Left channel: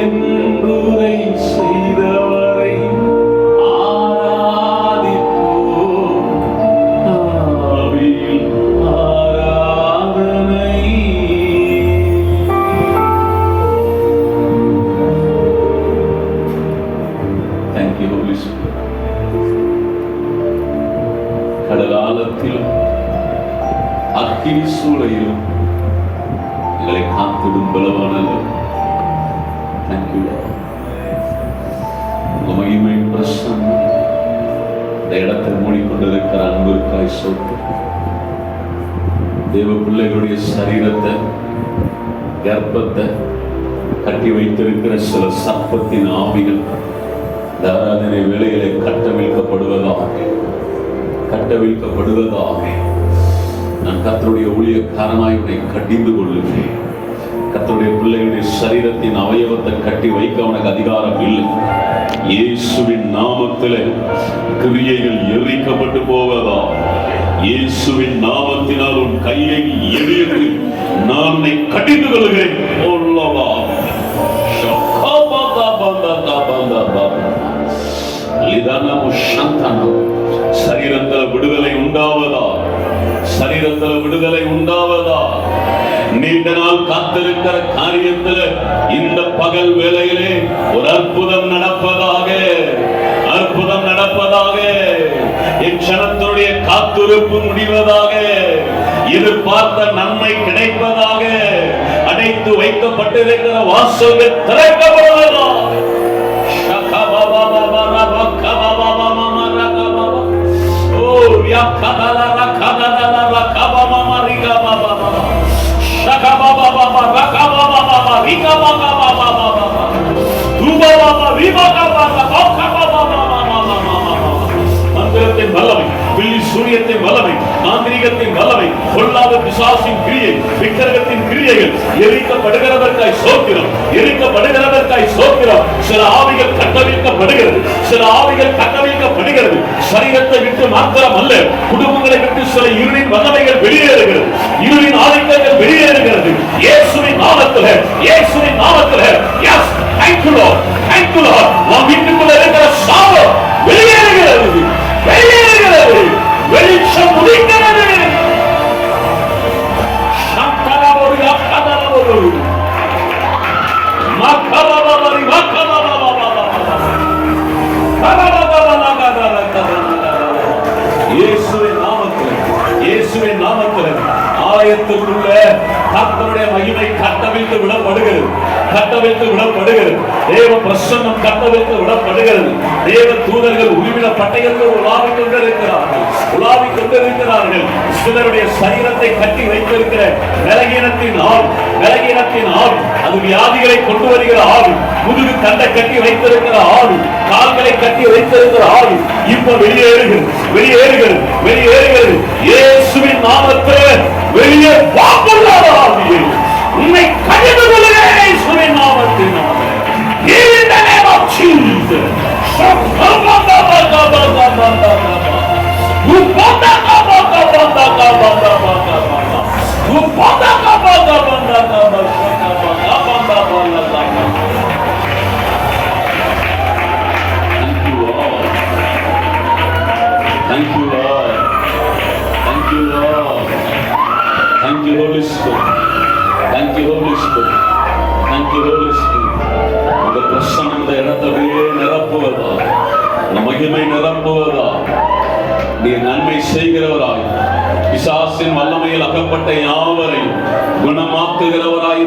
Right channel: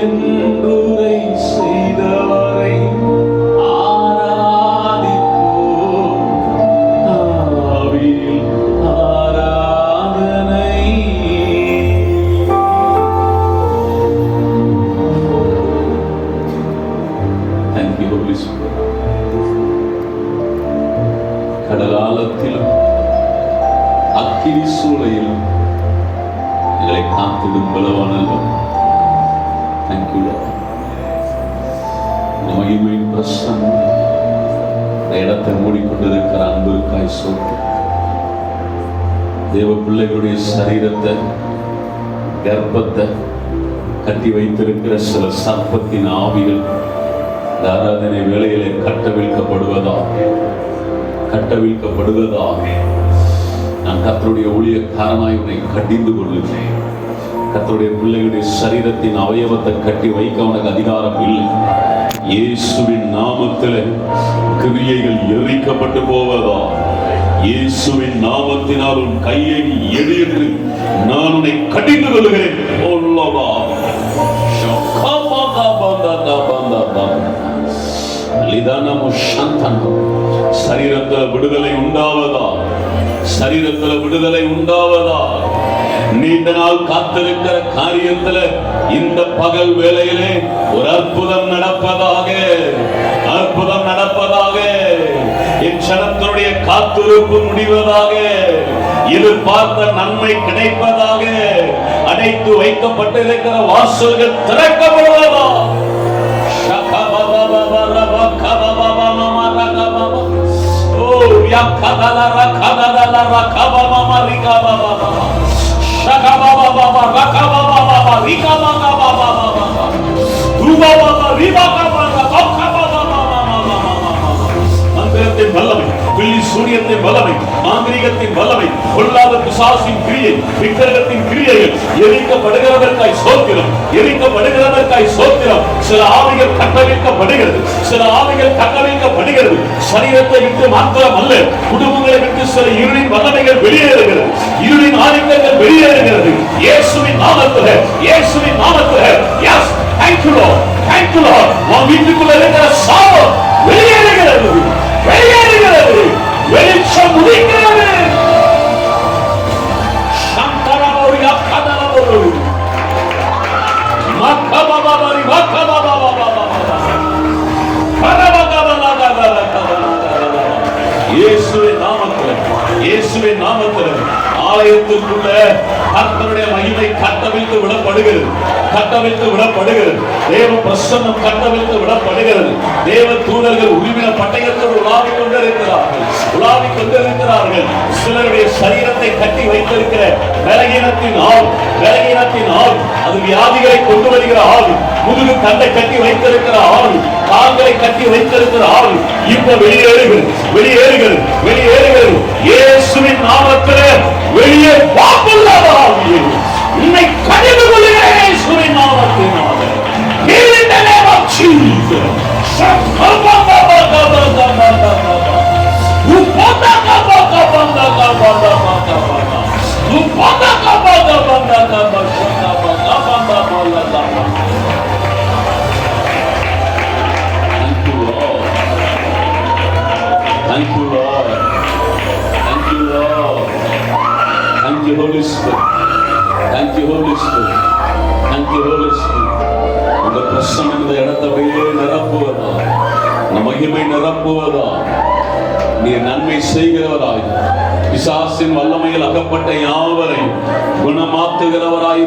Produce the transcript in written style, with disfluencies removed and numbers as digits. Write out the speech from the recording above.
என்புரை செய்தவரை கடகாலத்திலும் அக்கினி சூளையிலும் எங்களை காத்திடும் பலவானவர். தேங்க்யூ மகிமை பிரசன்னம் இந்த இடத்தை மூடிக்கொண்டிருக்கிற அன்பிற்காய் சொத்து தேவ பிள்ளைகளுடைய சரீரத்தை கர்ப்பத்தை கட்டி வைத்திருக்கிற சில சர்ப்பத்தின் ஆவிகள் இந்த ஆராதனை வேளையிலே கட்டவிழ்க்கப்படுவதாக நான் கர்த்தருடைய ஊழியக்காரனாய் உன்னை கடிந்து கொள்ளுகிறேன். கர்த்தருடைய பிள்ளைகளுடைய சரீரத்தின் அவயவத்தை கட்டி வைக்க உனக்கு அதிகாரம் இல்லை. இயேசுவின் நாமத்திலே கிரியைகள் எரிக்கப்பட்டு போவதா. இயேசுவின் நாமத்தினால் உன் கையை எரித்து நான் உன்னை கடிந்து கொள்கிறேன். சரீரத்தில் விடுதலை உண்டாவதா, சரீரத்தில் விடுதலை உண்டாவதா. நீண்ட நாள் காத்திருக்கிற காரியத்தில் இந்த பகல் வேளையிலே ஒரு அற்புதம் நடப்பதாக, அற்புதம் நடப்பதாக. என் சனத்தினுடைய காத்திருப்பு முடிவதாக, எதிர்பார்த்த நன்மை கிடைப்பதாக. அடைத்து வைக்கப்பட்டிருக்கிற வாசல்கள் திறக்கப்படுவதா. மந்திரத்தின் வல்லமை, பில்லி சூரியத்தின் வல்லமை, மாந்திரீகத்தின் வல்லமை, பொல்லாத பிசாசின் கிரியை, விக்கிரகத்தின் கிரியைகள் எரிக்கப்படுகிறதற்காய் சோத்திரம், எரிக்கப்படுகிறதற்காய் சோத்திரம். சில ஆவிகள் கட்டவிழ்க்கப்படுகிறது, சில ஆவிகள் கட்டவிழ்க்கப்படுகிறது. சரீரத்தை விட்டு மாத்திரம் அல்ல, குடும்பங்களை விட்டு சில இருளின் வல்லமைகள் வெளியேறுகிறது, இருளின் ஆதிக்கங்கள் வெளியேறுகிறது. இயேசுவின் நாமத்திலே, இயேசுவின் நாமத்திலே. Yes, thank you Lord, thank you Lord. உன் வீட்டுக்குள்ள இருக்கிற சாபம் வெளியேறுகிறது, வெளியேறுகிறது, வெளிச்சம் உதிக்கிறது. சந்தரபோரியா கதரபோரு மக்கபபபரி மக்கபபபபப இயேசுவின் நாமத்திலே, இயேசுவின் நாமத்திலே ஆலயத்துக்குள்ள கர்த்தருடைய மகிமை கட்டவிழ்த்து விடப்படுகிறது, கட்டவிழ்த்து விடப்படுகிறது. தேவ பிரசன்னம் கட்டவிழ்த்து விடப்படுகிறது. தேவ தூதர்கள் உருவின பட்டயத்தோடு உலாவிக் கொண்டிருக்கிறார்கள், உலாவிக் கொண்டிருக்கிறார்கள். சிலருடைய சரீரத்தை கட்டி வைத்திருக்கிற பலகீனத்தின் ஆவி, பலகீனத்தின் ஆவி, அது வியாதிகளை கொண்டு வருகிற ஆவி. முதுகு தண்டை கட்டி வைத்திருக்கிற ஆவி, கால்களை கட்டி வைத்திருக்கிற ஆவி இப்ப வெளியேறுகிறது, வெளியேறுகிறது, வெளியேறுகிறது. இயேசுவின் நாமத்திலே வெளியே வாக்குள்ளாத ஆவியே உன்னை கடிந்து கொள்கிறேன். இயேசுவின் நாமத்தினாலே in the name of Jesus. Thank you Lord, thank you Lord, thank you Holy Spirit, thank you Holy Spirit, thank you Holy Spirit. இந்த பிரசன்னம் இந்த இடத்தையே நிரப்புவதா, இந்த மகிமை நிரப்புவதா. நீ நன்மை செய்கிறவராய், பிசாசின் வல்லமையில் அகப்பட்ட யாவரையும் குணமாக்குகிறவராய்